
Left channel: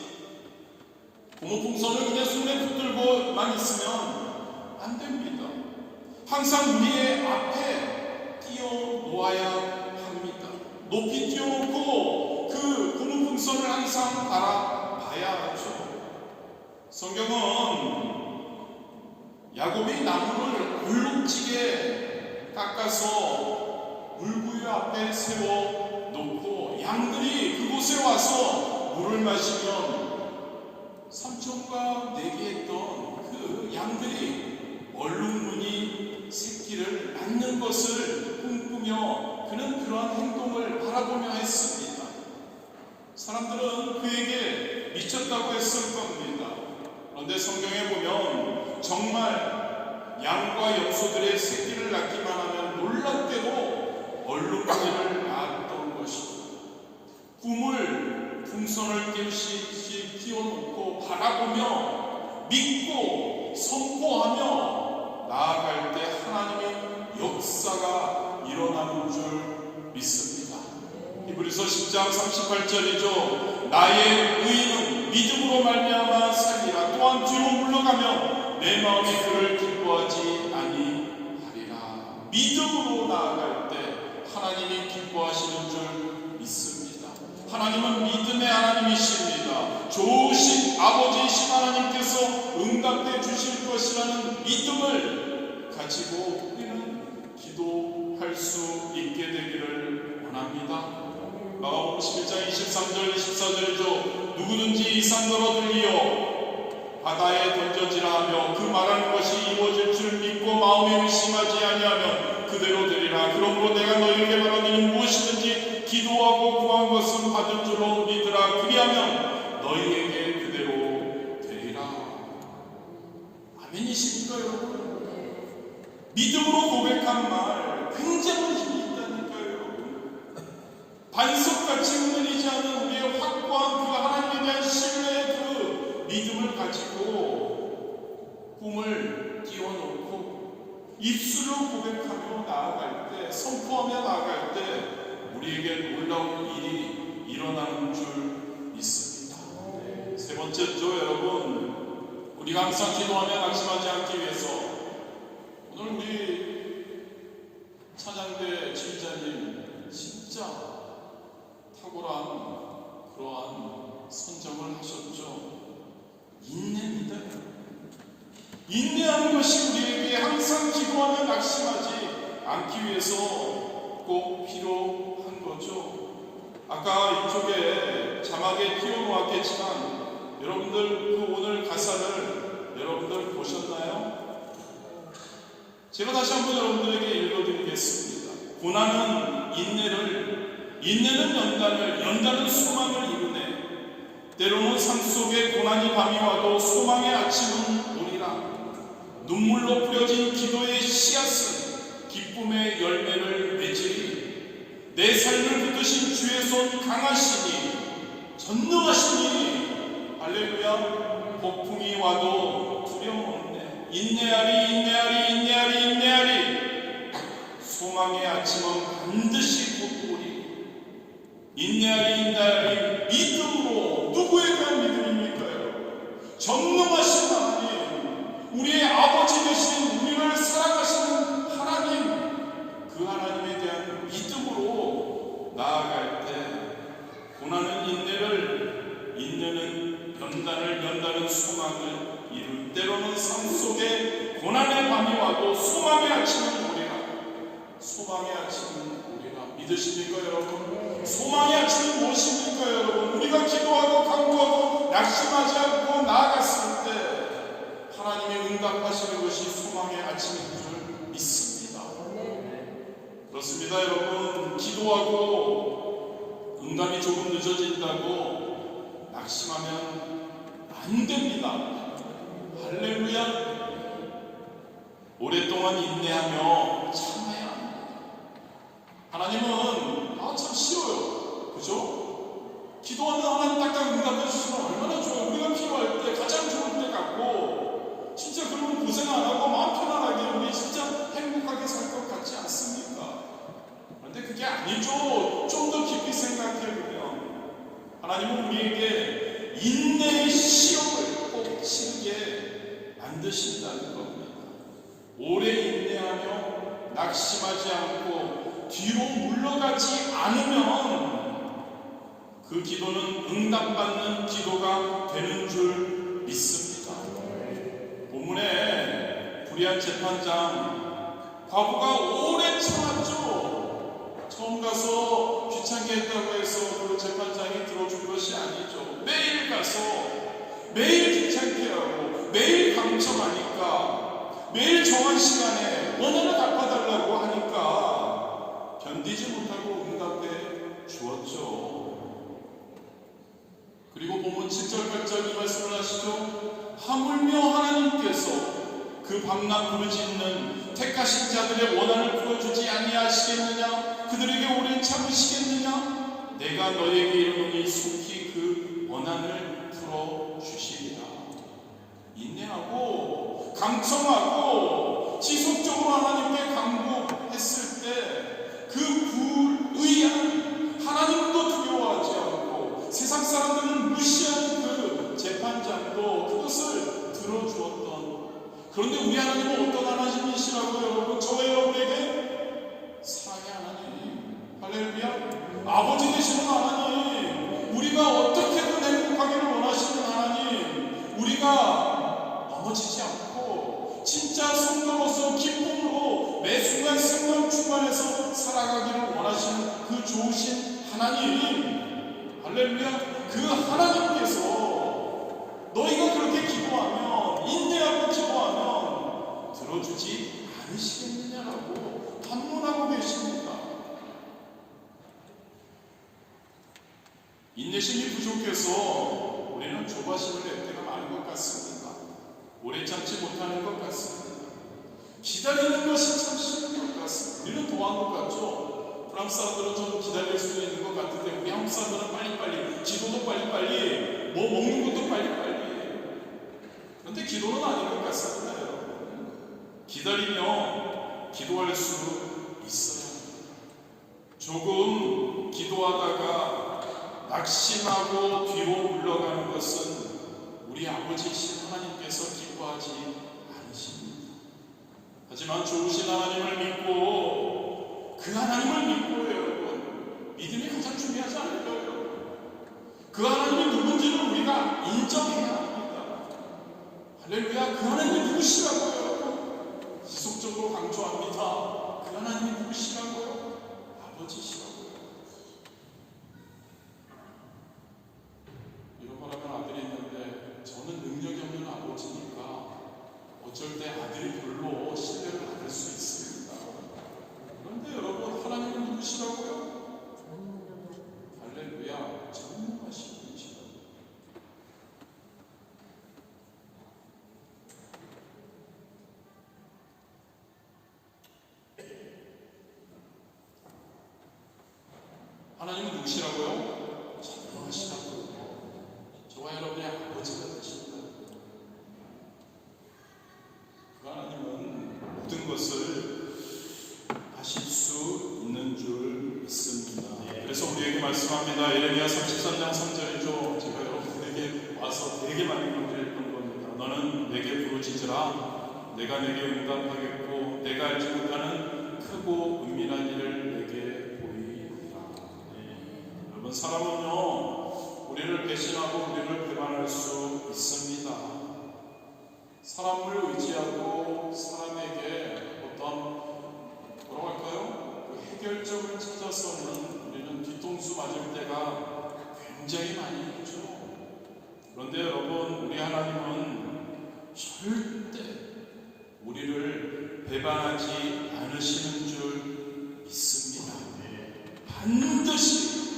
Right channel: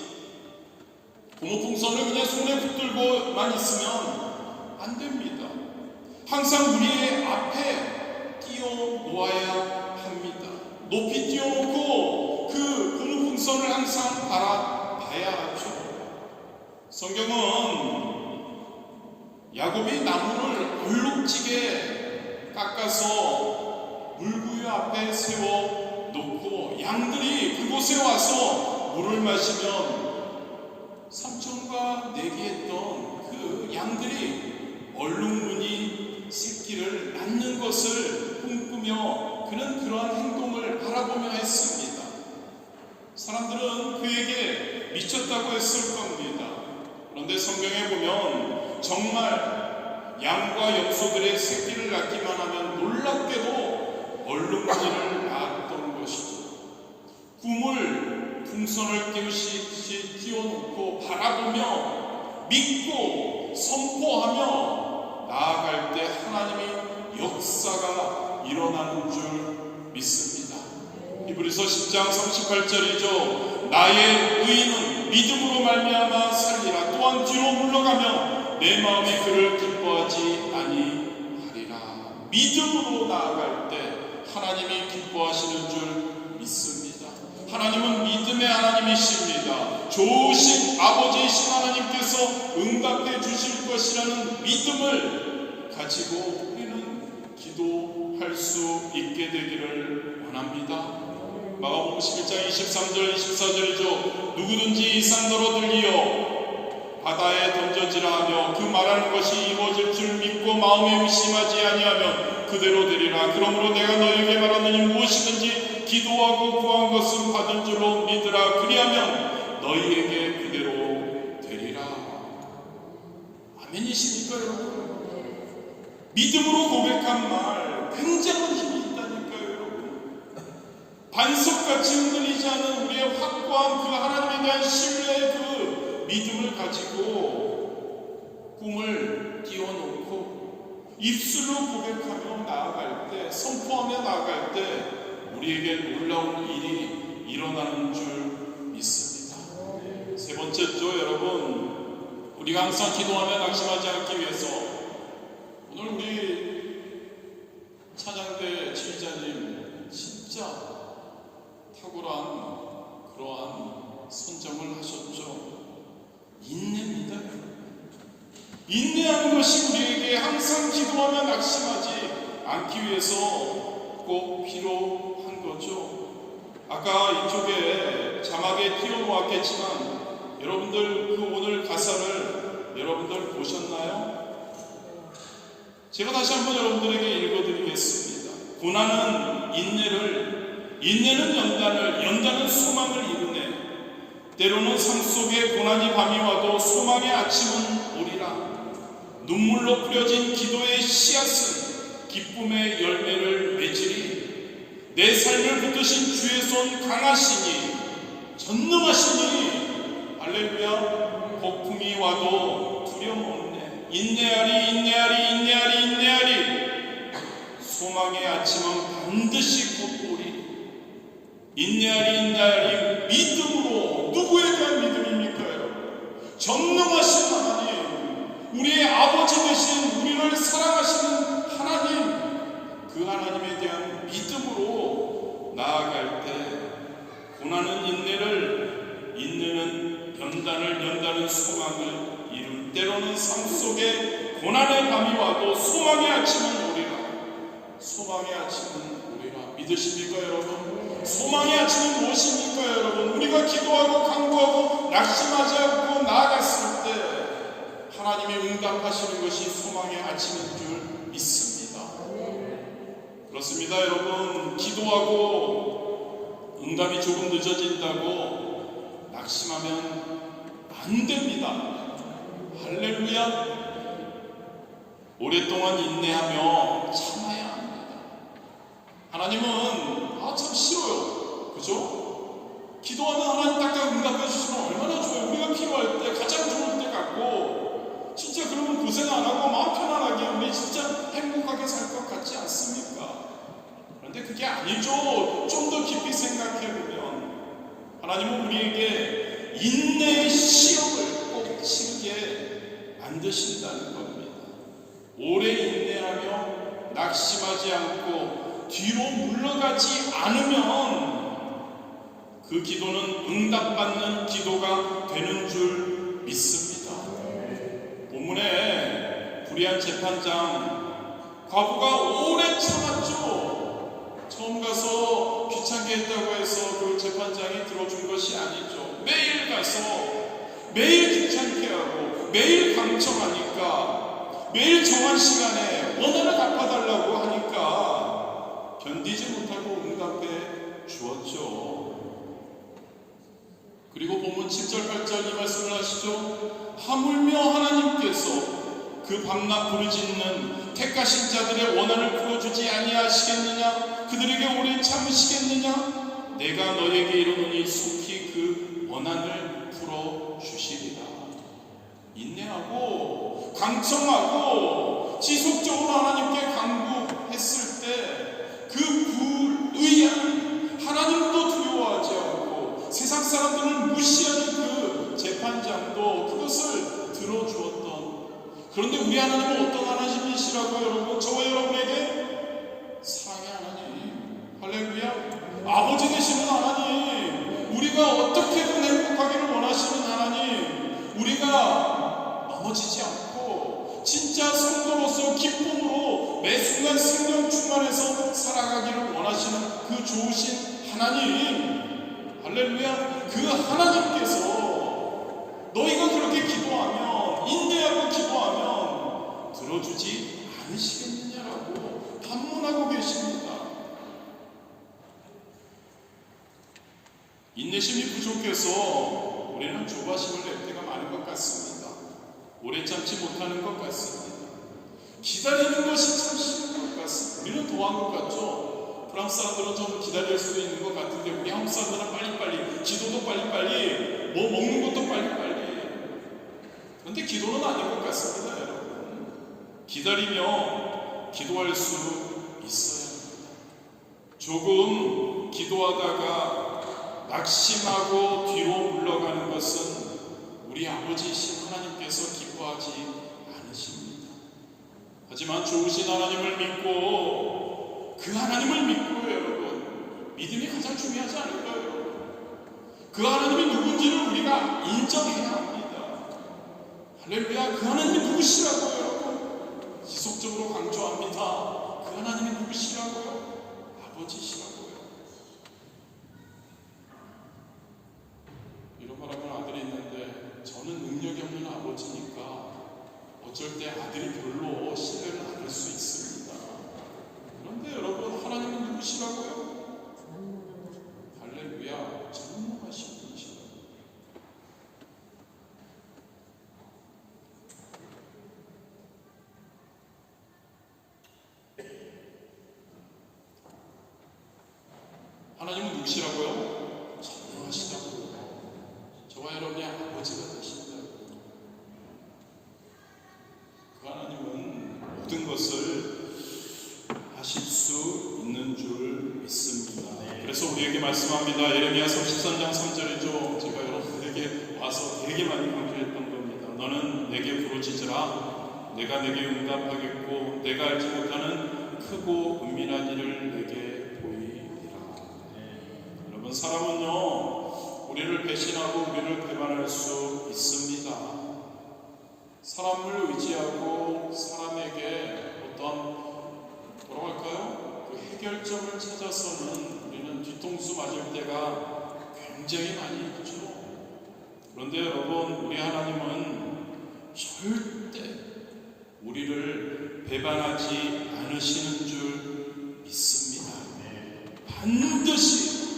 고무풍선을 그냥 손에 붙들고만 있으면 안 됩니다. 항상 우리의 앞에 띄워 놓아야 합니다. 높이 띄워놓고 그 고무풍선을 항상 바라봐야 하죠. 성경은 야곱이 나무를 얼룩지게 깎아서 물구유 앞에 세워놓고 양들이 그곳에 와서 물을 마시면 삼촌과 내기했던 그 양들이 얼룩무늬 새끼를 낳는 것을 꿈꾸며 그는 그러한 행동을 바라보며 했습니다. 사람들은 그에게 미쳤다고 했을 겁니다. 그런데 성경에 보면 정말 양과 염소들의 새끼를 낳기만 하면 놀랍게도 얼룩무늬를 낳았던 것이죠. 꿈을 풍선을 띄우듯이 띄워놓고 바라보며 믿고 선포하며 나아갈 때 하나님의 역사가 일어나는 줄 믿습니다. 히브리서 10장 38절이죠. 나의 의인은 믿음으로 말미암아 살리라. 또한 뒤로 물러가면 내 마음이 그를 기뻐하지 아니하리라. 믿음으로 나아갈 때 하나님이 기뻐하시는 줄 믿습니다. 하나님은 믿음의 하나님이십니다. 좋으신 아버지이신 하나님께서 응답해 주실 것이라는 믿음을 가지고 우리는 기도할 수 있게 되기를 원합니다. 마가복음 11장 23절 24절이죠. 누구든지 이 산 너로 들리어 바다에 던져지라 하며 그 말하는 것이 이루어질 줄 믿고 마음에 의심하지 아니하면 그대로 되리라. 그러므로 내가 너에게 말하느니 무엇이든지 기도하고 구한 것은 받은 줄로 믿으라. 그리하면 너희에게 그대로 되리라. 아멘이십니까, 여러분? 믿음으로 고백한 말 굉장한 힘이 있다니까요, 여러분. 반석같이 흔들리지 않은 우리의 확고한 그 하나님에 대한 신뢰의 그 믿음을 가지고 꿈을 띄워놓고 입술로 고백하며 나아갈 때, 선포하며 나아갈 때 우리에게 놀라운 일이 일어나는 줄 믿습니다. 세 번째죠, 여러분. 우리가 항상 기도하며 낙심하지 않기 위해서 오늘 우리 찬양대 지휘자님 진짜 탁월한 그러한 선정을 하셨죠. 인내입니다. 인내하는 것이 우리에게 항상 기도하며 낙심하지 않기 위해서 꼭 필요한 거죠. 아까 이쪽에 자막에 띄워놓았겠지만 여러분들 그 오늘 가사를 여러분들 보셨나요? 제가 다시 한번 여러분들에게 읽어드리겠습니다. 고난은 인내는 연단은 소망을 이루네. 때로는 산 속에 고난이 밤이 와도 소망의 아침은 오리라. 눈물로 뿌려진 기도의 씨앗은 기쁨의 열매를 맺으리. 내 삶을 붙드신 주의 손 강하시니 전능하시니 할렐루야. 폭풍이 와도 두려움 없네. 인내하리. 소망의 아침은 반드시 곧 오리. 인내하리. 믿음으로. 누구에 대한 믿음입니까? 전능하신 하나님, 우리의 아버지 되신 우리를 사랑하시는 하나님, 그 하나님에 대한 믿음으로 나아갈 때 고난은 인내는 연단은 소망을 이룰. 때로는 삶 소망의 아침인 줄 믿습니다. 그렇습니다. 여러분, 기도하고 응답이 조금 늦어진다고 낙심하면 안 됩니다. 할렐루야. 오랫동안 인내하며 참아야 합니다. 하나님은 참 쉬워요. 그죠? 기도하면 하나님 딱딱 응답해 주시면 얼마나 좋아요. 우리가 필요할 때 가장 좋을 때 같고, 진짜 그러면 고생 안 하고 마음 편안하게 우리 진짜 행복하게 살 것 같지 않습니까? 그런데 그게 아니죠. 좀 더 깊이 생각해 보면 하나님은 우리에게 인내의 시험을 꼭 치르게 만드신다는 겁니다. 오래 인내하며 낙심하지 않고 뒤로 물러가지 않으면 그 기도는 응답받는 기도가 되는 줄 믿습니다. 본문에 불의한 재판장 과부가 오래 참았죠. 처음 가서 귀찮게 했다고 해서 그 재판장이 들어준 것이 아니죠. 매일 가서 매일 귀찮게 하고 매일 강청하니까 매일 정한 시간에 원한을 갚아달라고 하니까 견디지 못하고 응답해 주었죠. 그리고 본문 7절 8절 이 말씀을 하시죠. 하물며 하나님께서 그 밤낮 부르짖는 택하신 자들의 원한을 풀어주지 아니하시겠느냐? 그들에게 오래 참으시겠느냐? 내가 너에게 이르노니 속히 그 원한을 풀어주시리라. 인내하고 강청하고 지속적으로 하나님께 간구했을 때 그 불의한 하나님도 두려워하지 않고 세상 사람들은 무시하는 그 재판장도 그것을 들어주었던, 그런데 우리 하나님은 어떤 하나님이시라고요? 여러분, 저와 여러분에게 사랑의 하나님, 할렐루야, 아버지 되시는 하나님, 우리가 어떻게든 행복하기를 원하시는 하나님, 우리가 넘어지지 않고 진짜 성도로서 기쁨으로 매 순간 생명 충만해서 살아가기를 원하시는 그 좋으신 하나님, 할렐루야, 그 하나님께서 너희가 그렇게 기도하면, 인내하고 기도하면 들어주지 않으시겠느냐라고 반문하고 계십니다. 인내심이 부족해서 우리는 조바심을 낼 때가 많은 것 같습니다. 오래 참지 못하는 것 같습니다. 기다리는 것이 참 쉬운 것 같습니다. 우리는 도한 것 같죠? 프랑스 사람들은 좀 기다릴 수도 있는 것 같은데 우리 한국 사람들은 빨리빨리, 기도도 빨리빨리, 뭐 먹는 것도 빨리빨리. 그런데 기도는 아닌 것 같습니다, 여러분. 기다리며 기도할 수 있어야 합니다. 조금 기도하다가 낙심하고 뒤로 물러가는 것은 우리 아버지이신 하나님께서 기뻐하지 않으십니다. 하지만 좋으신 하나님을 믿고 그 하나님을 믿고요, 여러분. 믿음이 가장 중요하지 않을까요? 그 하나님이 누군지를 우리가 인정해야 합니다. 할렐루야, 그 하나님이 누구시라고요, 여러분? 지속적으로 강조합니다. 그 하나님이 누구시라고요? 아버지시라고요. 잃어버려간 아들이 있는데 저는 능력이 없는 아버지니까 어쩔 때 아들이 별로 신뢰를 안 할 수 있습니다. 그런데 여러분, 하나님은 누구시라고요? 할렐루야, 전능하신 분이시라고요. 하나님은 누구시라고요? 전능하시다고요. 저와 여러분의 아버지가 되신다. 그 하나님은 모든 것을 하실 수 있는 줄 믿습니다. 그래서 우리에게 말씀합니다. 예레미야서 13장 3절이죠. 제가 여러분들에게 와서 되게 많이 강조했던 겁니다. 너는 내게 부르짖으라. 내가 내게 응답하겠고 내가 알지 못하는 크고 은밀한 일을 내게 보이리라. 여러분, 사람은요, 우리를 배신하고 우리를 배반할 수 있습니다. 사람을 의지하고 사람에게 어떤 뭐라고 할까요? 그 해결점을 찾아서는 우리는 뒤통수 맞을 때가 굉장히 많이 있죠. 그런데 여러분, 우리 하나님은 절대 우리를 배반하지 않으시는 줄 믿습니다. 반드시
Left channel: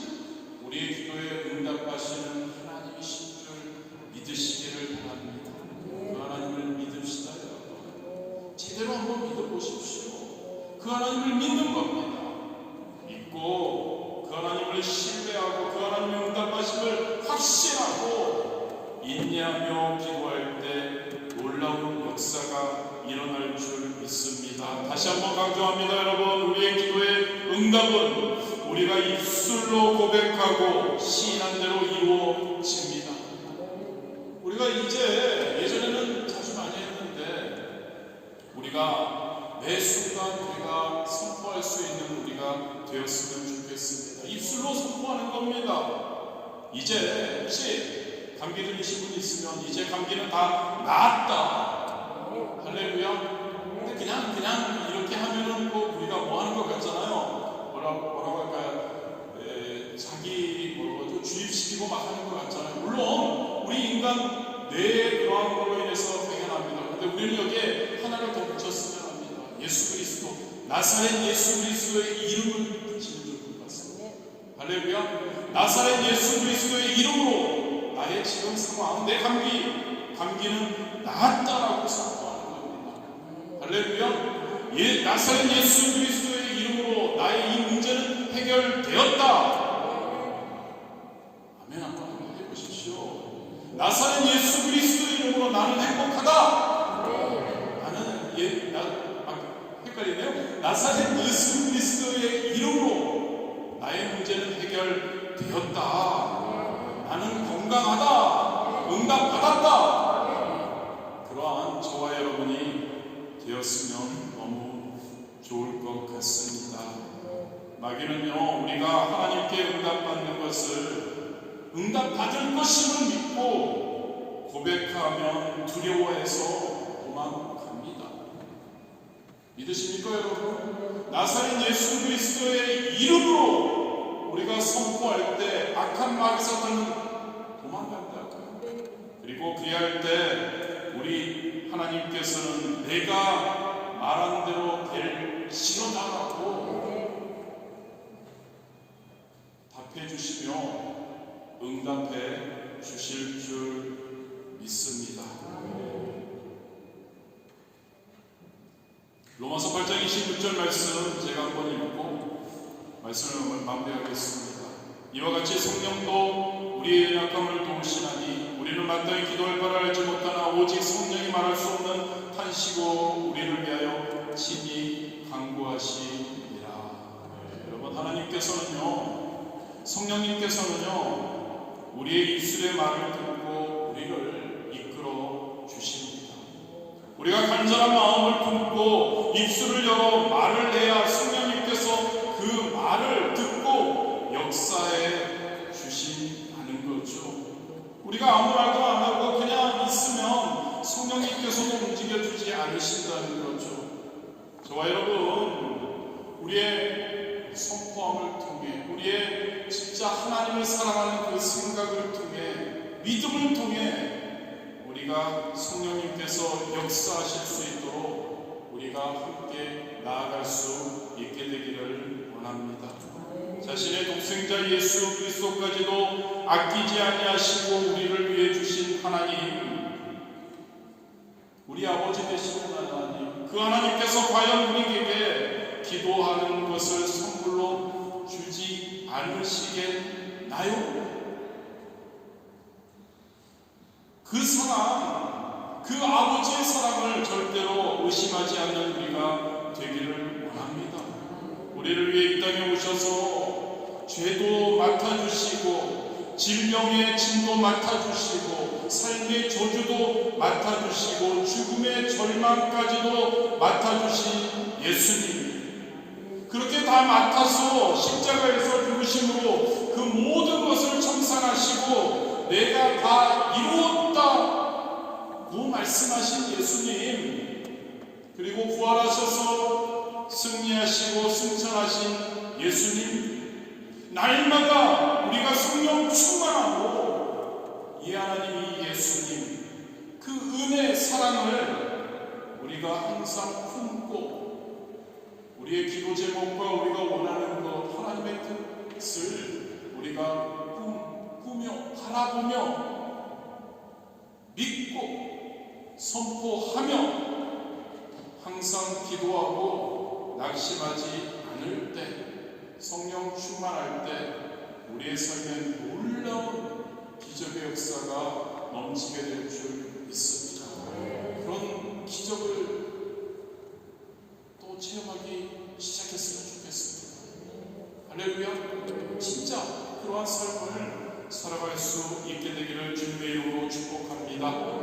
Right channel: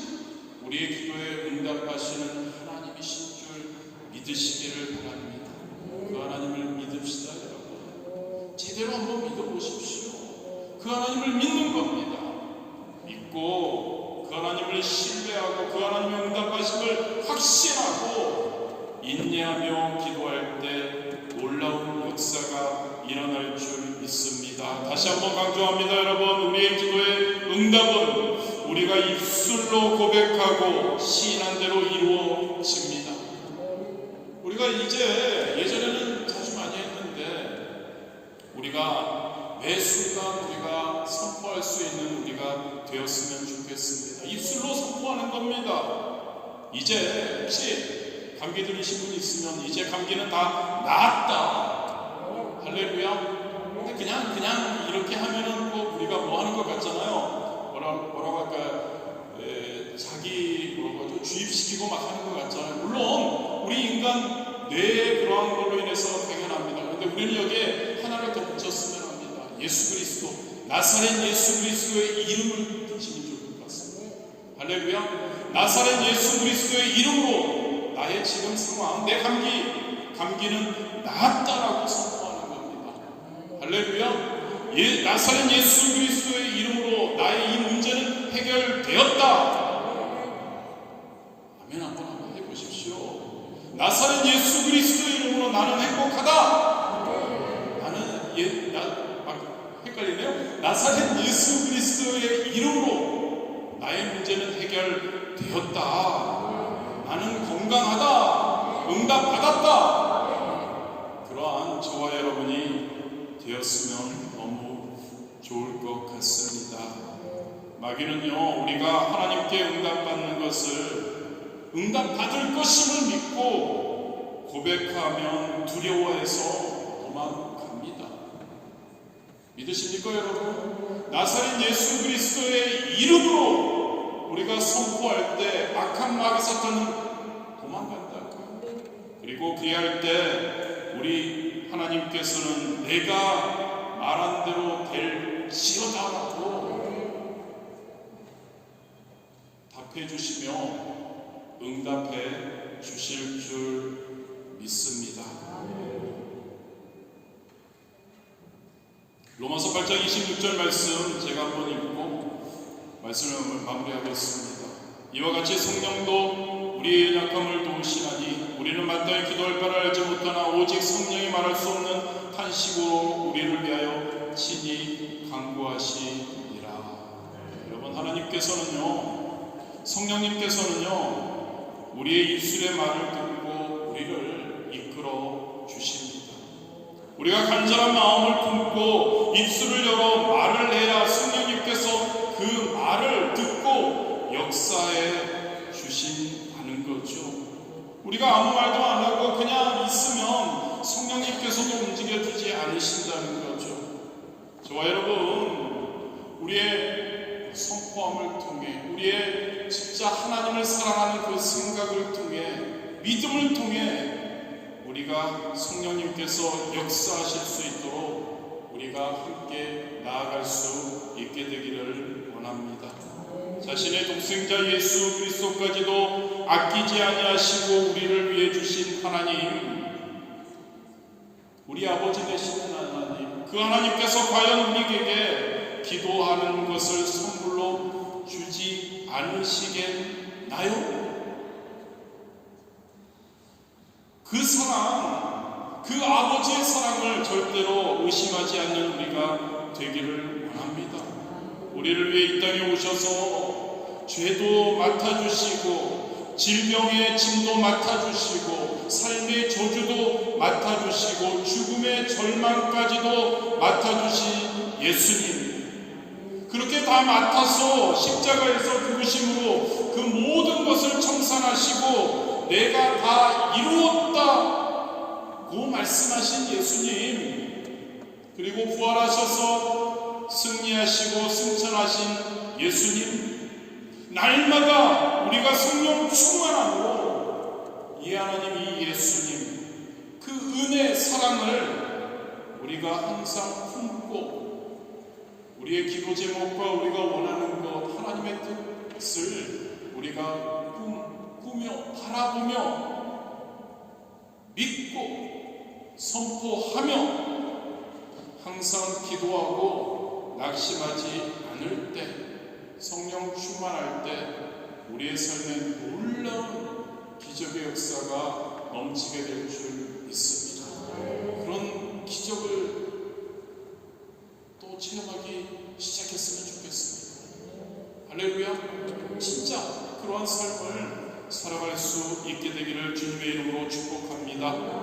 우리의 기도에 응답하시는 하나님이신 줄 믿으시기를 바랍니다. 그 하나님을 믿읍시다, 여러분. 제대로 한번 믿어보십시오. 그 하나님을 믿는 겁니다. 믿고 그 하나님을 신뢰하고 그 하나님의 응답하심을 확신하고 인내하며 기도할 때 놀라운 역사가 일어날 줄 믿습니다. 다시 한번 강조합니다, 여러분. 우리의 기도의 응답은 우리가 입술로 고백하고 시인한 대로 이루어집니다. 우리가 이제 예전에는 자주 많이 했는데 우리가 매 순간 우리가 선포할 수 있는 우리가 되었으면 좋겠습니다. 입술로 선포하는 겁니다. 이제 혹시 감기 들으신 분 있으면 이제 감기는 다 나았다. 할렐루야. 근데 그냥 이렇게 하면은 꼭 우리가 뭐 하는 것 같잖아요. 뭐라고 할까요? 자기 주입시키고 막 하는 것 같잖아요. 물론 우리 인간 뇌의 그러한 걸로 인해서 당연합니다. 근데 우리는 여기에 하나를 더 붙였으면 합니다. 예수 그리스도, 나사렛 예수 그리스도의 이름을 붙이면 좋을 것 같습니다. 할렐루야. 나사렛 예수 그리스도의 이름으로 나의 지금 상황, 내 감기는 나았다라고 선포하는 겁니다. 할렐루야. 나사렛 예수 그리스도의 이름으로 나의 이 문제는 해결되었다. 아멘. 한번 해보십시오. 나사렛 예수 그리스도의 이름으로 나는 행복하다. 헷갈리네요. 나사렛 예수 그리스도의 이름으로 나의 문제는 해결되었다. 나는 건강하다. 응답받았다. 그러한 저와 여러분이 되었으면 너무 좋을 것 같습니다. 마귀는요, 우리가 하나님께 응답받는 것을 응답받을 것임을 믿고 고백하면 두려워해서 도망갑니다. 믿으십니까, 여러분? 나사렛 예수 그리스도의 이름으로 우리가 선포할 때 악한 마귀 사탄은 도망간다고요. 그리고 그리할 때 우리 하나님께서는 내가 말한 대로 될지어다라고 답해 주시며 응답해 주실 줄 믿습니다. 로마서 8장 26절 말씀 제가 한번 읽고 말씀을 마무리하겠습니다. 이와 같이 성령도 우리의 약함을 도우시나니 우리는 마땅히 기도할 바를 알지 못하나 오직 성령이 말할 수 없는 탄식으로 우리를 위하여 친히 간구하시니라. 여러분, 하나님께서는요, 성령님께서는요, 우리의 입술의 말을 듣고 우리를 이끌어 주십니다. 우리가 간절한 마음을 품고 입술을 열어 말을 해야 성령님께서 그 말을 듣고 역사해 주신다는 거죠. 우리가 아무 말도 안 하고 그냥 있으면 성령님께서도 움직여주지 않으신다는 거죠. 저와 여러분, 우리의 선포함을 통해, 우리의 진짜 하나님을 사랑하는 그 생각을 통해, 믿음을 통해 우리가 성령님께서 역사하실 수 있도록 우리가 함께 나아갈 수 있게 되기를 원합니다. 자신의 독생자 예수 그리스도까지도 아끼지 아니하시고 우리를 위해 주신 하나님, 우리 아버지 되시는 하나님, 그 하나님께서 과연 우리에게 기도하는 것을 선물로 주지 않으시겠나요? 그 사랑, 그 아버지의 사랑을 절대로 의심하지 않는 우리가 되기를 원합니다. 우리를 위해 이 땅에 오셔서 죄도 맡아주시고 질병의 짐도 맡아주시고 삶의 저주도 맡아주시고 죽음의 절망까지도 맡아주신 예수님, 그렇게 다 맡아서 십자가에서 죽으심으로 그 모든 것을 청산하시고 내가 다 이루었다고 말씀하신 예수님, 그리고 부활하셔서 승리하시고 승천하신 예수님, 날마다 우리가 성령 충만하고 이 하나님, 이 예수님, 그 은혜의 사랑을 우리가 항상 품고 우리의 기도 제목과 우리가 원하는 것 하나님의 뜻을 우리가 꾸며 바라보며 믿고 선포하며 항상 기도하고 낙심하지 않을 때 성령 충만할 때 우리의 삶에 놀라운 기적의 역사가 넘치게 될 줄 믿습니다. 그런 기적을 또 체험하기 시작했으면 좋겠습니다. 할렐루야. 진짜 그러한 삶을 살아갈 수 있게 되기를 주님의 이름으로 축복합니다.